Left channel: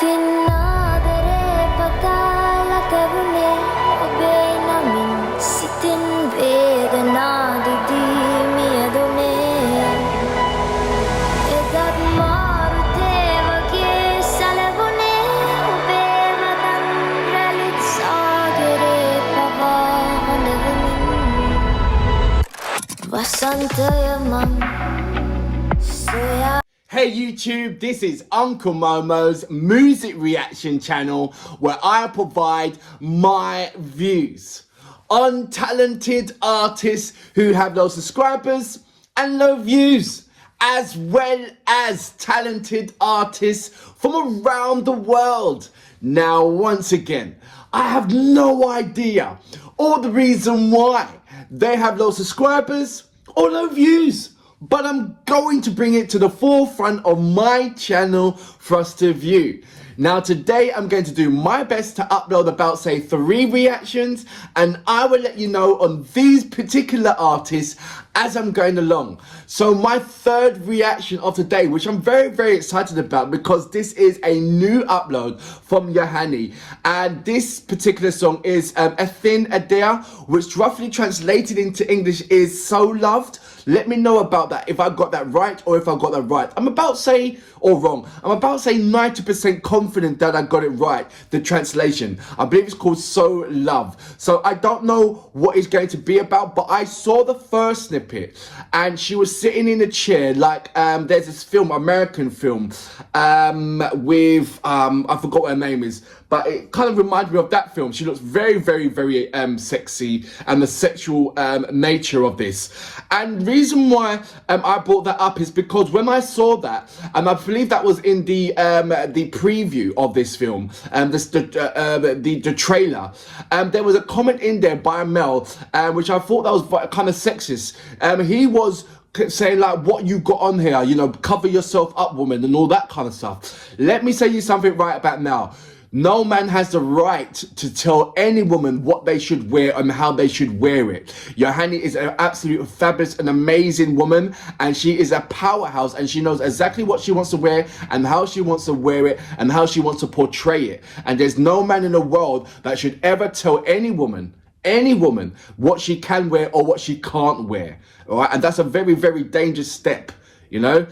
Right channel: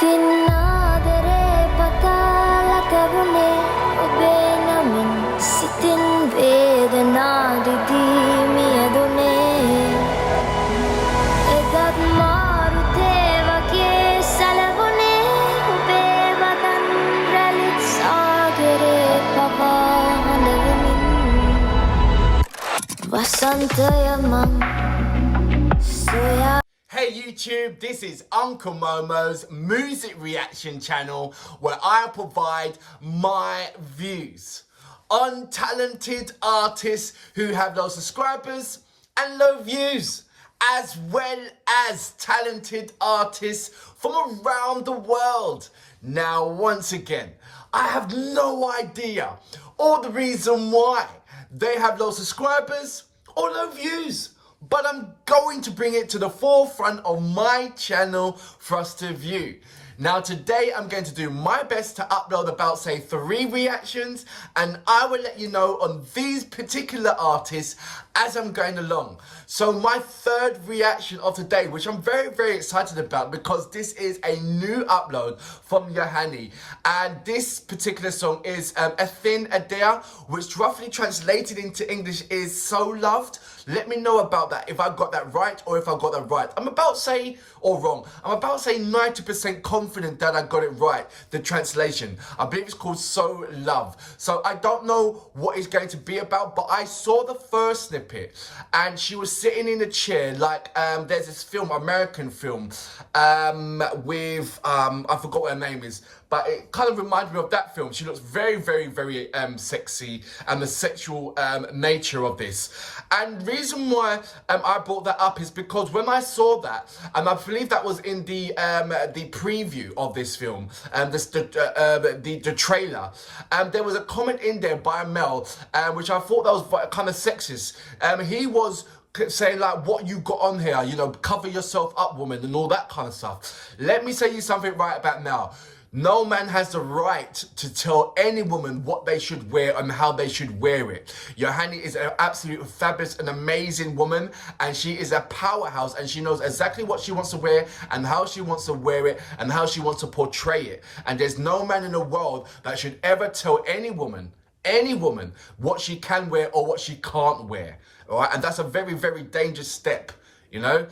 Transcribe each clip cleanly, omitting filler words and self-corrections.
Ithin Adare patala tavune obe namin sitin vedana didimi adune edat marute wage salavune obe watan ralit sagare pawa handavumin vasantaya mam soya. Hey YouTube, this is Uncle Momo's music reaction channel where I provide my views on talented artists who have low subscribers and low views, as well as talented artists from around the world. Now, once again, I have no idea or the reason why they have low subscribers or low views, but I'm going to bring it to the forefront of my channel for us to view. Now today I'm going to do my best to upload about say 3 reactions, and I will let you know on these particular artists as I'm going along. So my 3rd reaction of today, which I'm very excited about because this is a new upload from Yohani, and this particular song is Ithin Adare, which roughly translated into English is So Loved. Let me know about that, if I got that right or if I got that right. I'm about to say, or wrong, I'm about to say 90% confident that I got it right, the translation. I believe it's called So Love. So I don't know what it's going to be about, but I saw the first snippet and she was sitting in a chair like, there's this film, American film, with, I forgot what her name is, but it kind of reminded me of that film. She looks very sexy, and the sexual nature of this. And the reason why I brought that up is because when I saw that, and I believe that was in the preview of this film, the trailer, there was a comment in there by a male, which I thought that was kind of sexist. He was saying like, what you got on here, you know, cover yourself up, woman, and all that kind of stuff. Let me say you something right about now. No man has the right to tell any woman what they should wear and how they should wear it. Yohani is an absolute fabulous and amazing woman, and she is a powerhouse, and she knows exactly what she wants to wear and how she wants to wear it and how she wants to portray it. And there's no man in the world that should ever tell any woman what she can wear or what she can't wear. All right, and that's a very dangerous step, you know.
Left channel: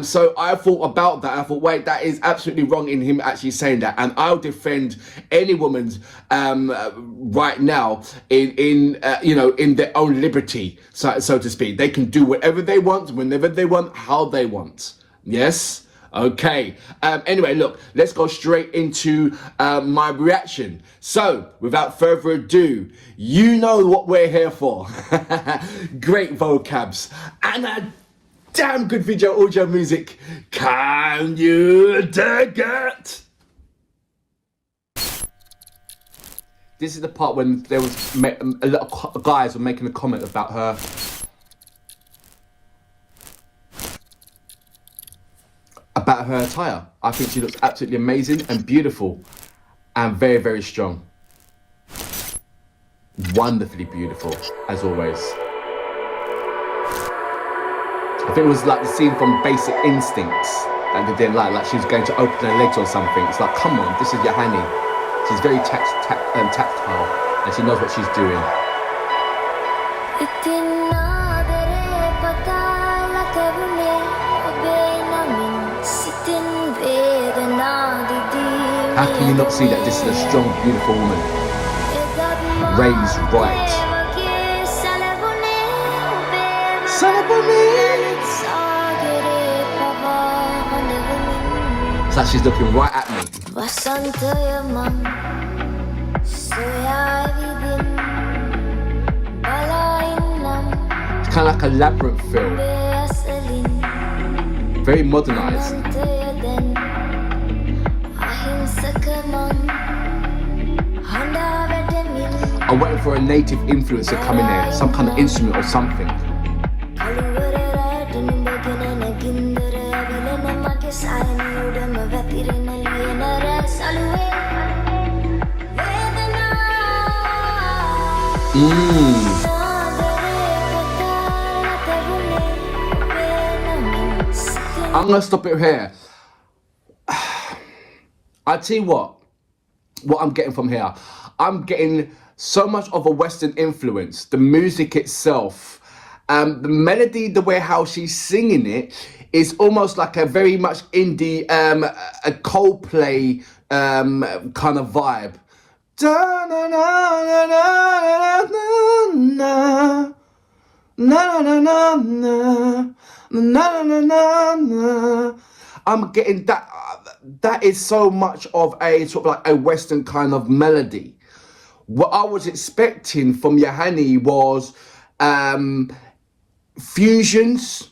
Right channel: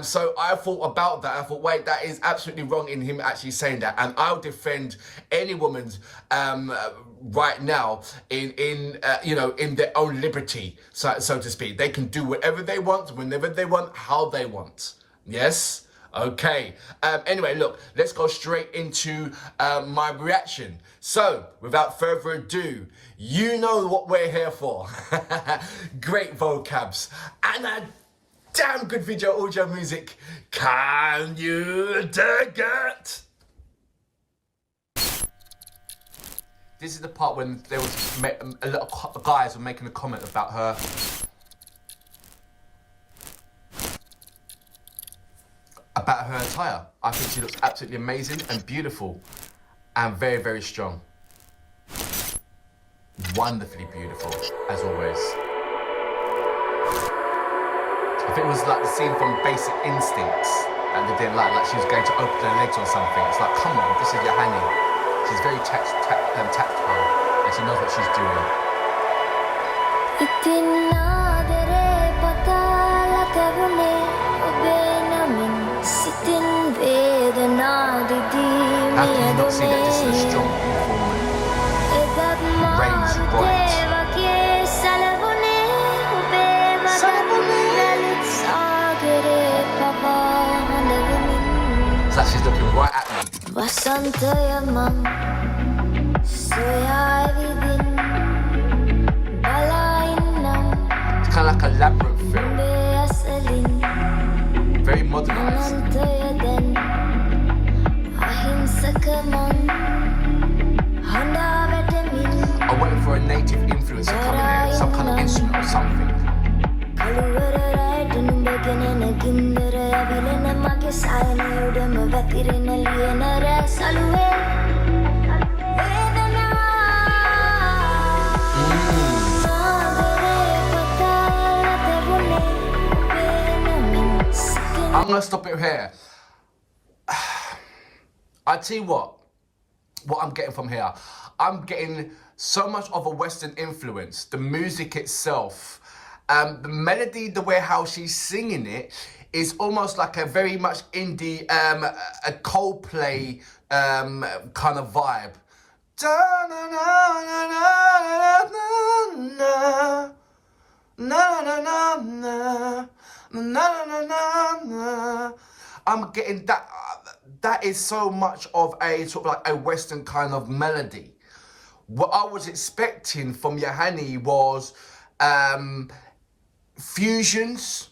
So I thought about that. I thought, wait, that is absolutely wrong in him actually saying that. And I'll defend any woman's right now in you know, in their own liberty, so to speak. They can do whatever they want, whenever they want, how they want. Yes. Okay. Anyway, look, let's go straight into my reaction. So, without further ado, you know what we're here for. Great vocabs and a damn good video audio music. Can you dig it? This is the part when there was a lot of guys were making a comment about her. About her attire. I think she looks absolutely amazing and beautiful and very strong. Wonderfully beautiful, as always. I think it was like the scene from Basic Instincts that they didn't like she was going to open her legs or something. It's like, come on, this is Yohani. She's very tactile and she knows what she's doing. Ithin Adare patala tavune obe namin sitin vedana didimi. How can you not see that this is a strong, beautiful woman? Raised bright. It's like she's looking right at me. It's kind of like a labyrinth film. Very modernized. I'm waiting for a native influencer coming there, some kind of instrument or something. I'm gonna stop it here. I tell you what I'm getting from here. I'm getting so much of a Western influence. The music itself, the melody, the way how she's singing it is almost like a very much indie, a Coldplay kind of vibe. Da, na, na, na, na, na, na, na, na, na, na, na, na, na. I'm getting that. That is so much of a sort of like a Western kind of melody. What I was expecting from Yohani was fusions,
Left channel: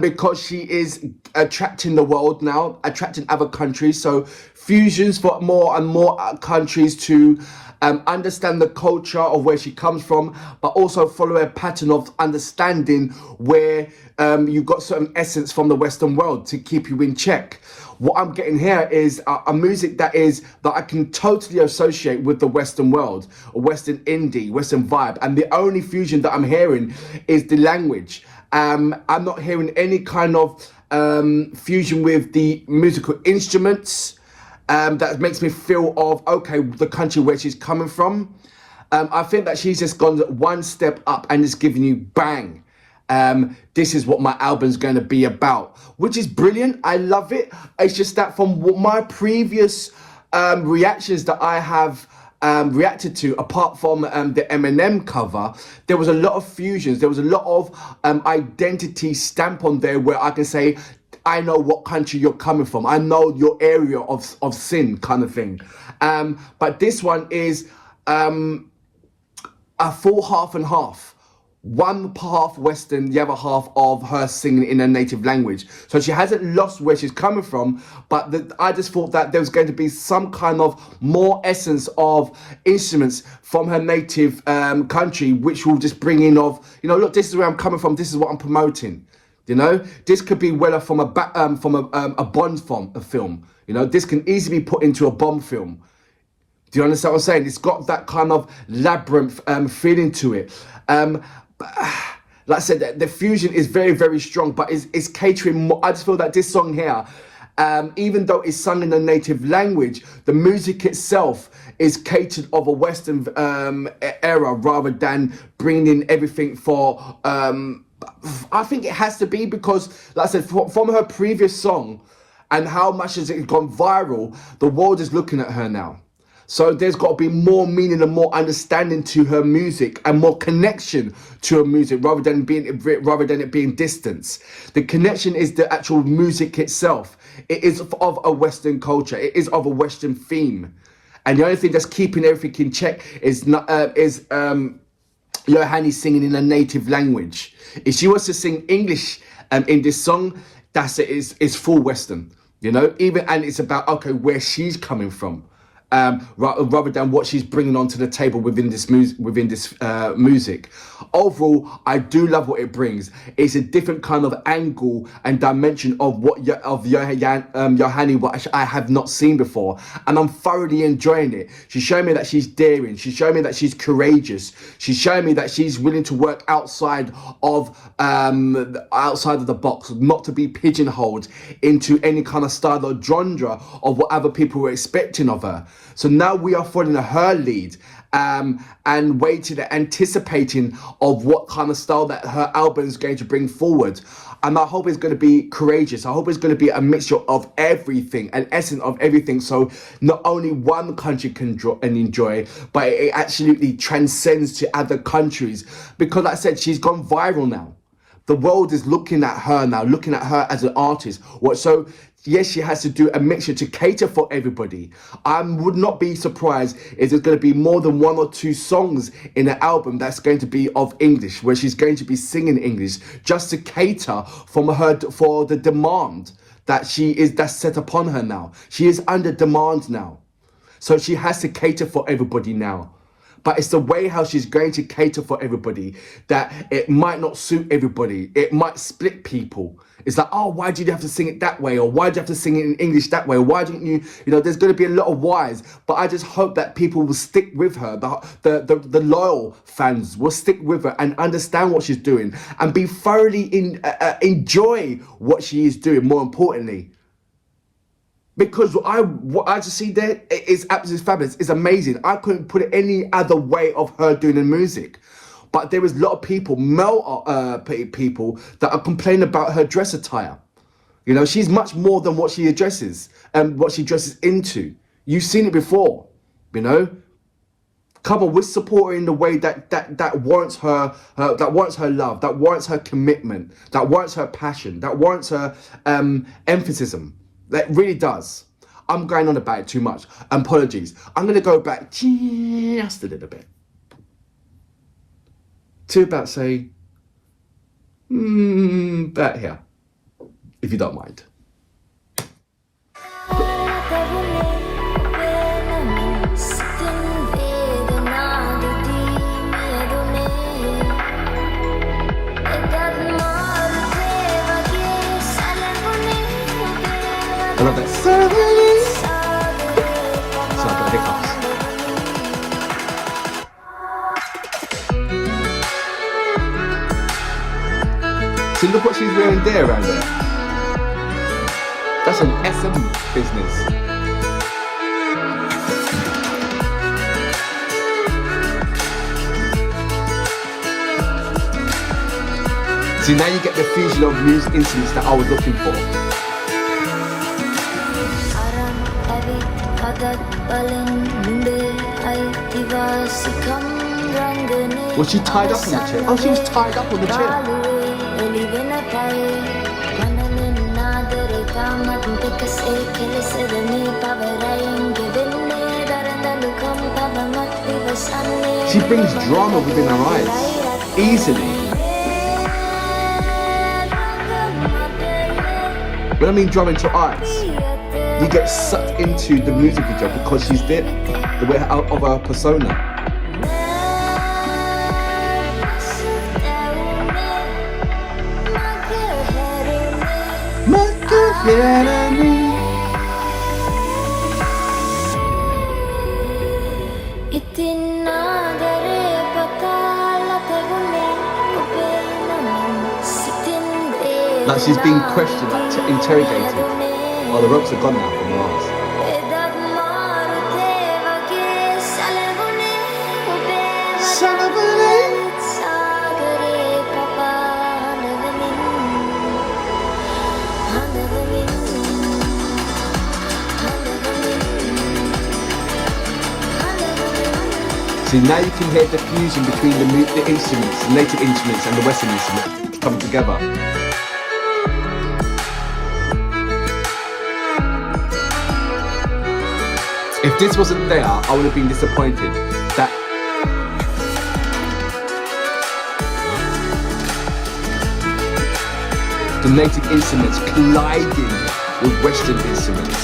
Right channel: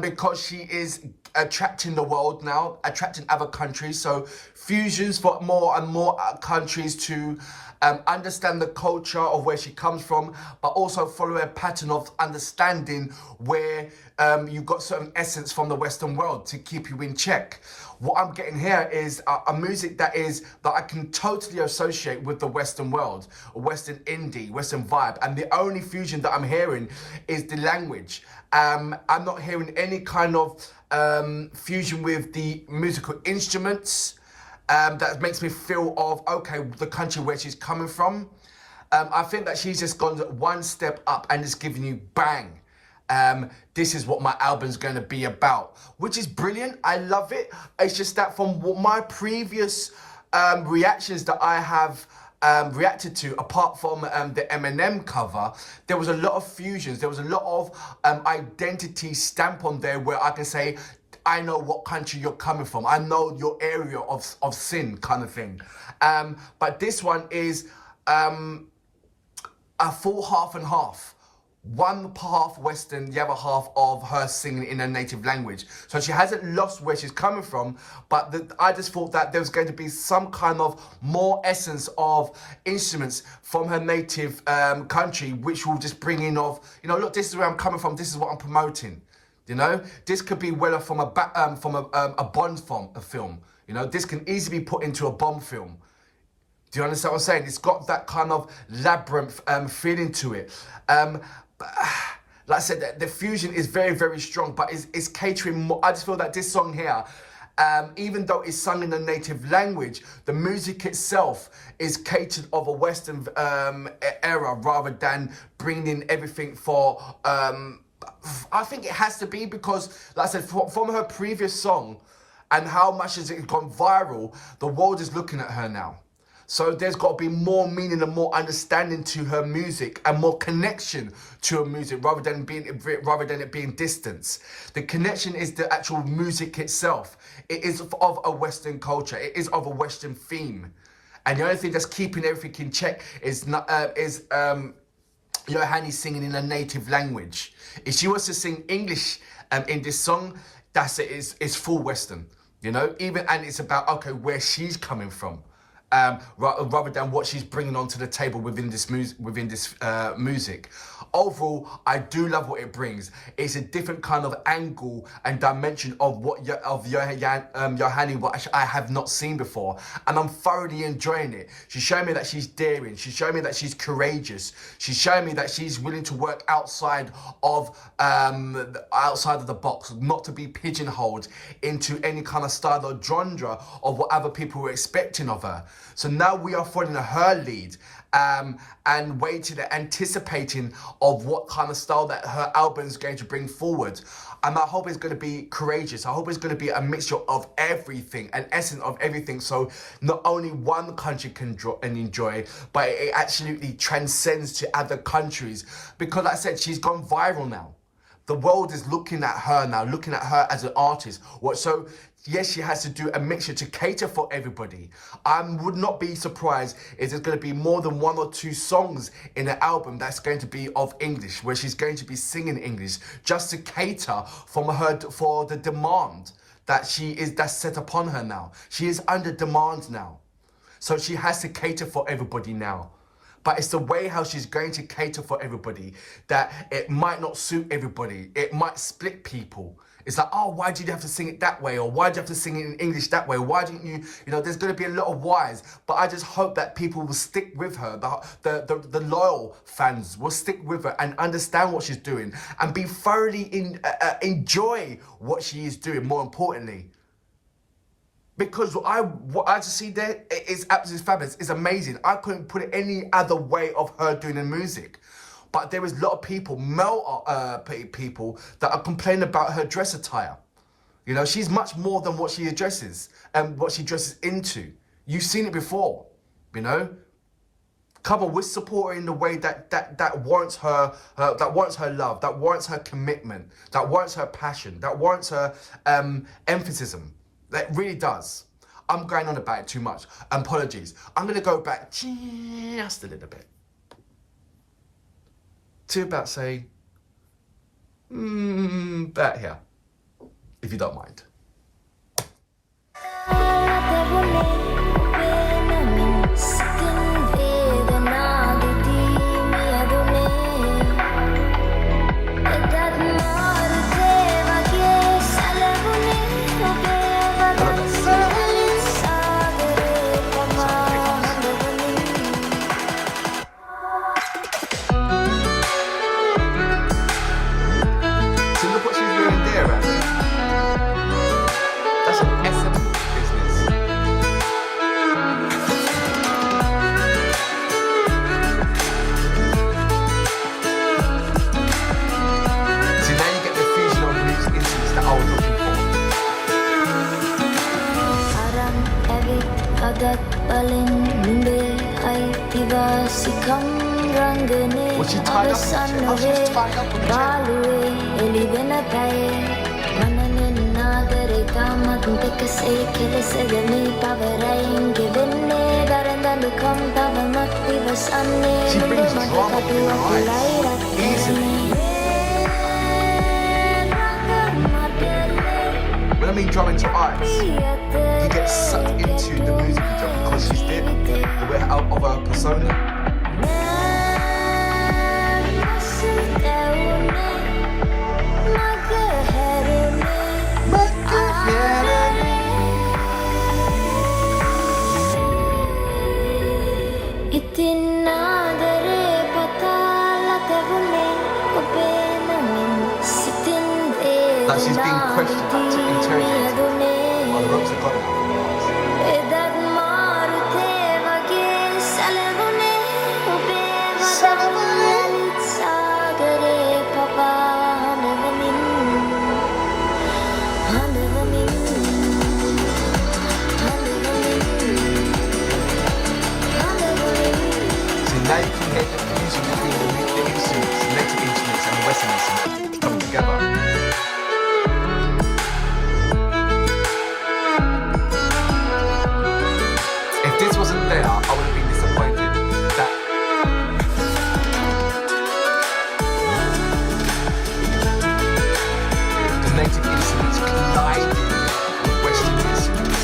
because she is attracting the world now, attracting other countries. So fusions for more and more countries to understand the culture of where she comes from, but also follow a pattern of understanding where you've got certain essence from the Western world to keep you in check. What I'm getting here is a music that I can totally associate with the Western world, a Western indie, Western vibe. And the only fusion that I'm hearing is the language. I'm not hearing any kind of fusion with the musical instruments. That makes me feel of, okay, the country where she's coming from. I think that she's just gone one step up and is giving you bang. This is what my album's going to be about, which is brilliant. I love it. It's just that from my previous reactions that I have reacted to, apart from the Eminem cover, there was a lot of fusions. There was a lot of identity stamp on there where I can say, I know what country you're coming from. I know your area of sin kind of thing. But this one is a full half and half. One half Western, the other half of her singing in her native language. So she hasn't lost where she's coming from, but I just thought that there was going to be some kind of more essence of instruments from her native country, which will just bring in of, look, this is where I'm coming from, this is what I'm promoting. This could be whether from a Bond film. This can easily be put into a Bond film. Do you understand what I'm saying? It's got that kind of labyrinth feeling to it. Like I said, the fusion is very, very strong, but it's catering more. I just feel that this song here, even though it's sung in the native language, the music itself is catered of a Western era rather than bringing in everything for... I think it has to be because, like I said, from her previous song and how much has it gone viral, the world is looking at her now. So there's got to be more meaning and more understanding to her music and more connection to her music rather than it being distance. The connection is the actual music itself. It is of a Western culture. It is of a Western theme. And the only thing that's keeping everything in check is Yohani singing in a native language. If she was to sing English in this song, that's it. It's full Western, and it's about, okay, where she's coming from. Rather than what she's bringing onto the table within this music. Overall, I do love what it brings. It's a different kind of angle and dimension of Yohani, what I have not seen before, and I'm thoroughly enjoying it. She's showing me that she's daring. She's showing me that she's courageous. She's showing me that she's willing to work outside of the box, not to be pigeonholed into any kind of style or genre of what other people were expecting of her. So now we are following her lead and waiting and anticipating of what kind of style that her album is going to bring forward. And I hope it's going to be courageous. I hope it's going to be a mixture of everything, an essence of everything. So not only one country can enjoy, but it absolutely transcends to other countries. Because like I said, she's gone viral now. The world is looking at her now, looking at her as an artist. So yes, she has to do a mixture to cater for everybody. I would not be surprised if there's going to be more than one or two songs in the album that's going to be of English, where she's going to be singing English, just to cater for the demand that's set upon her now. She is under demand now. So she has to cater for everybody now. But it's the way how she's going to cater for everybody that it might not suit everybody. It might split people. It's like, oh, why did you have to sing it that way? Or why did you have to sing it in English that way? Why didn't you, there's going to be a lot of whys. But I just hope that people will stick with her. The loyal fans will stick with her and understand what she's doing and be thoroughly enjoy what she is doing, more importantly. Because what I just see there is absolutely fabulous. It's amazing. I couldn't put it any other way of her doing the music. But there is a lot of people, male people, that are complaining about her dress attire. You know, she's much more than what she addresses and what she dresses into. You've seen it before, you know. Come on, we're supporting in the way that warrants her, that warrants her love, that warrants her commitment, that warrants her passion, that warrants her emphasis. That really does. I'm going on about it too much. Apologies. I'm going to go back just a little bit to about say, about here, if you don't mind. I love that. See, look what she's wearing there around there. That's an SM business. See, now you get the fusion of music instruments that I was looking for. Was she tied up on the chair? Oh, she was tied up on the chair. She brings drama within her eyes, easily. When I mean drama into her eyes, you get sucked into the music video because she's there, the way out of her persona. Ithin Adare like she's being questioned, like interrogated. Oh, the ropes are gone now from Mars. See, now you can hear the fusion between the instruments, the native instruments and the Western instruments coming together. If this wasn't there, I would have been disappointed that the native instruments colliding with Western instruments.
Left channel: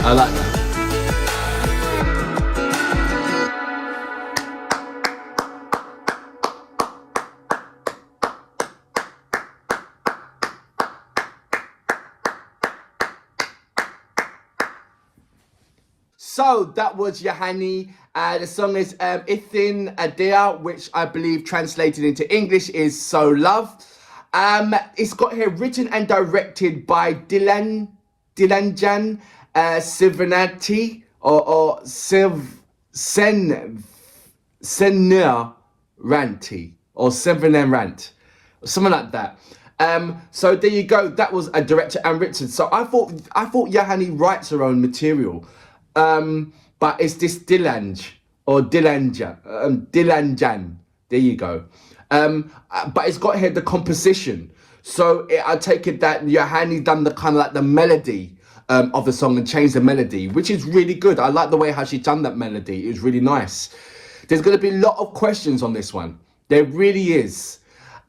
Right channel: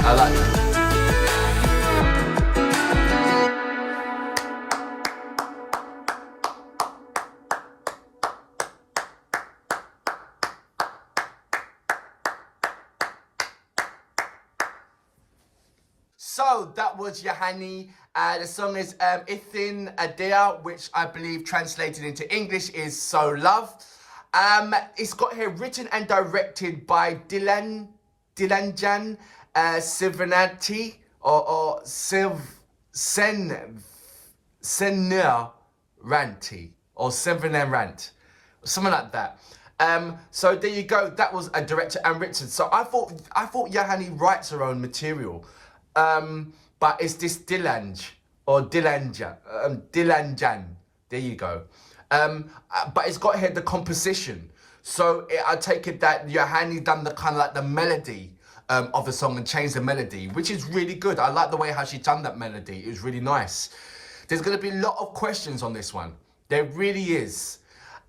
I like that. So that was Yohani. The song is Ithin Adare, which I believe translated into English is So Love. It's got here written and directed by Dilanjan, Seneviratne or Seneviratne or Seneviratne, something like that. So there you go. That was a director and written. So I thought Yohani writes her own material, but it's this Dilanjan or Dilanjan. There you go. But it's got here the composition. So I take it that Yohani done the kind of like the melody of the song and changed the melody, which is really good. I like the way how she done that melody. It was really nice. There's going to be a lot of questions on this one. There really is.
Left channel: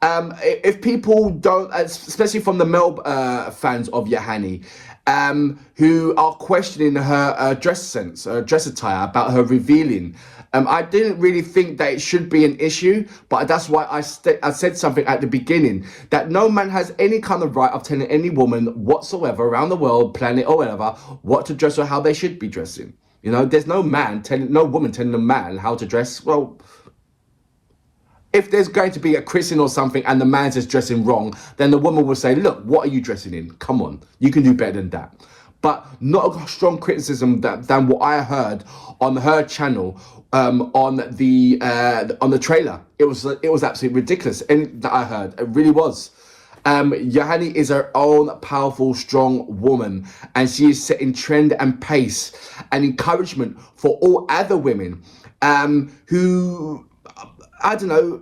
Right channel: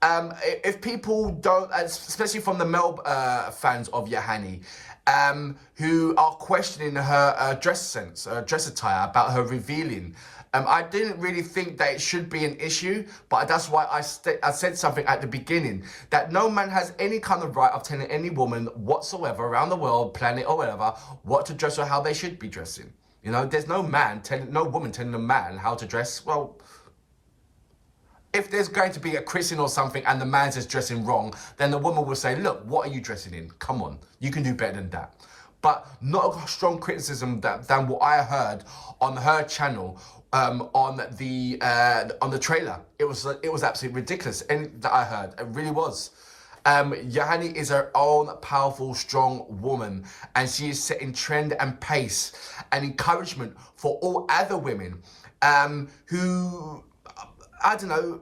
If people don't, especially from the male fans of Yohani, who are questioning her dress sense, dress attire, about her revealing, I didn't really think that it should be an issue, but that's why I said something at the beginning, that no man has any kind of right of telling any woman whatsoever around the world, planet or whatever, what to dress or how they should be dressing. You know, there's no woman telling a man how to dress. Well, if there's going to be a christening or something and the man's just dressing wrong, then the woman will say, look, what are you dressing in? Come on, you can do better than that. But not a strong criticism than what I heard on her channel on the trailer. It was absolutely ridiculous. And that I heard, it really was. Yohani is her own powerful, strong woman, and she is setting trend and pace and encouragement for all other women who, I don't know,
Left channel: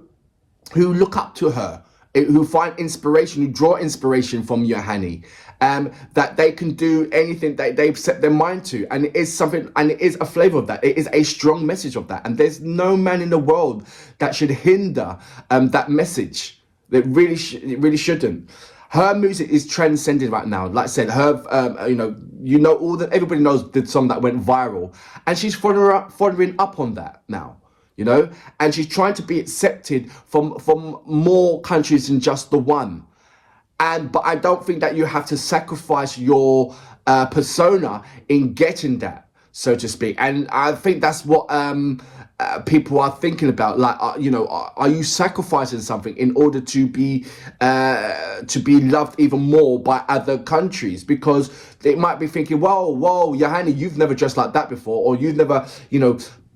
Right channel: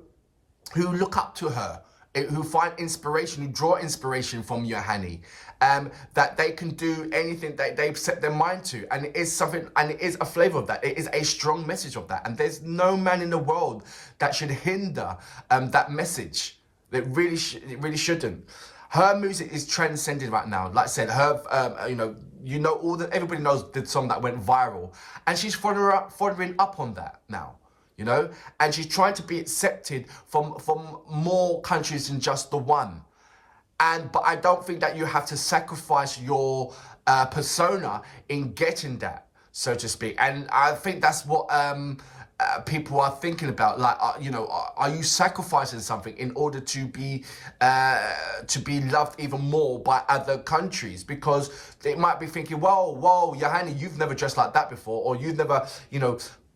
who look up to her, who find inspiration, who draw inspiration from Yohani, that they can do anything that they've set their mind to. And it is something, and it is a flavor of that. It is a strong message of that. And there's no man in the world that should hinder that message. It really shouldn't. Her music is transcended right now. Like I said, her, everybody knows the song that went viral, and she's following up on that now, you know, and she's trying to be accepted from more countries than just the one. But I don't think that you have to sacrifice your persona in getting that, so to speak. And I think that's what people are thinking about. Like, are you sacrificing something in order to be loved even more by other countries? Because they might be thinking, whoa, Yohani, you've never dressed like that before, or you've never,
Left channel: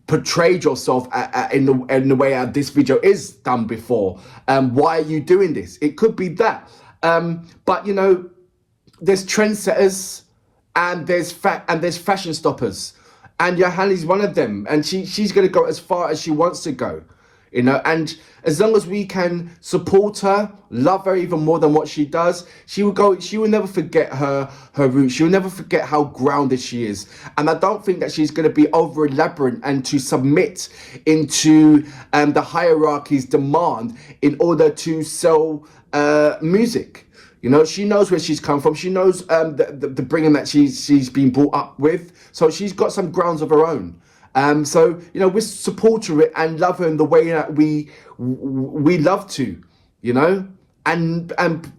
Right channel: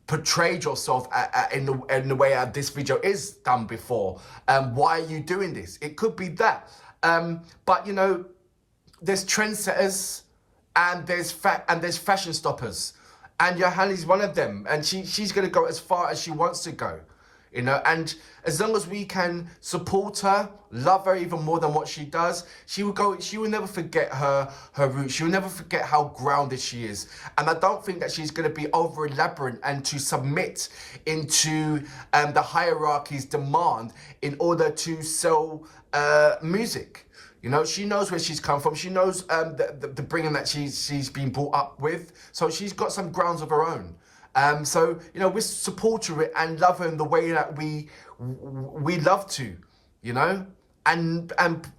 portrayed yourself in the way this video is done before. Why are you doing this? It could be that. But there's trendsetters and there's fashion stoppers. And Yohani's one of them, and she's going to go as far as she wants to go, and as long as we can support her, love her even more than what she does, she will never forget her roots. She will never forget how grounded she is. And I don't think that she's going to be over elaborate and to submit into the hierarchy's demand in order to sell music. She knows where she's come from. She knows the bringing that she's been brought up with. So she's got some grounds of her own. We support her and love her in the way that we love to, and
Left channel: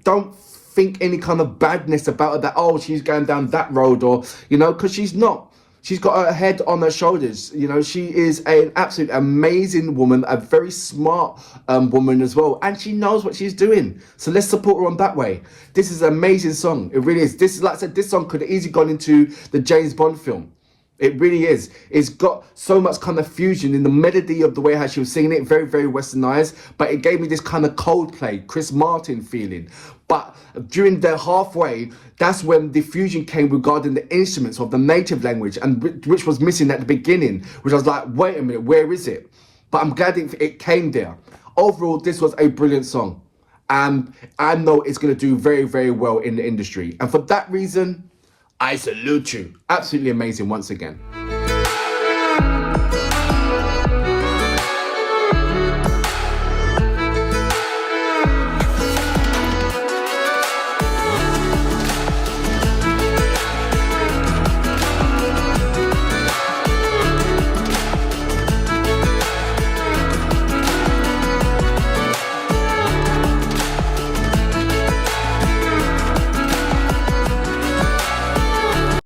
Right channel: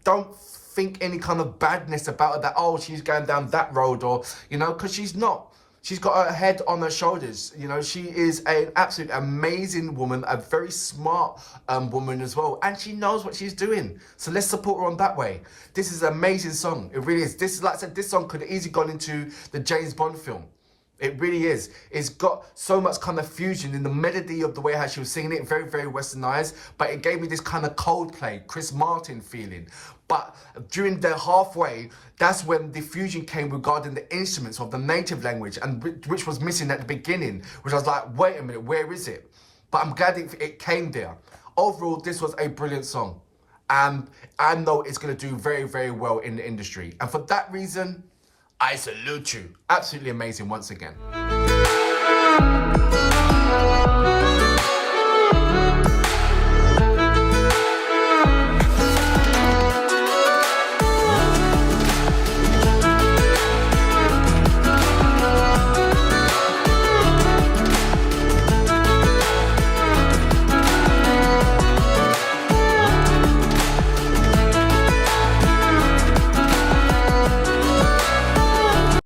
don't think any kind of badness about her, that, oh, she's going down that road, or, because she's not. She's got her head on her shoulders. She is an absolute amazing woman, a very smart woman as well. And she knows what she's doing. So let's support her on that way. This is an amazing song. It really is. This is, like I said, this song could have easily gone into the James Bond film. It really is. It's got so much kind of fusion in the melody of the way how she was singing it, very, very westernized, but it gave me this kind of Coldplay, Chris Martin feeling. But during the halfway, that's when the fusion came regarding the instruments of the native language, and which was missing at the beginning, which I was like, wait a minute, where is it? But I'm glad it came there. Overall, this was a brilliant song. And I know it's going to do very, very well in the industry. And for that reason, I salute you. Absolutely amazing once again.